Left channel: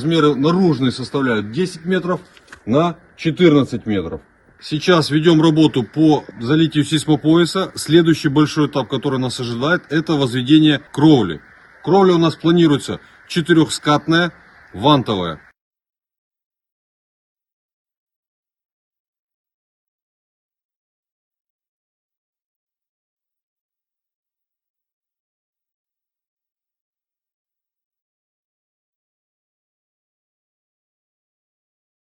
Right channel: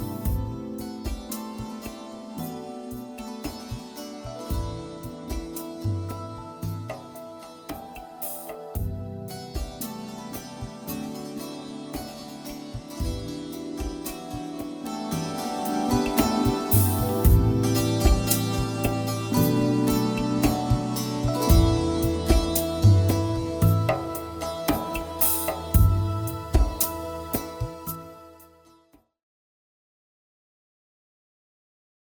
размеры наружные составляют 10 метров на 14 метров. Сейчас ведем работу по залитию сейсмопояса. Следующий большой этап, который нас ожидает, это возведение кровли. Кровля у нас планируется четырехскатная, вантовая.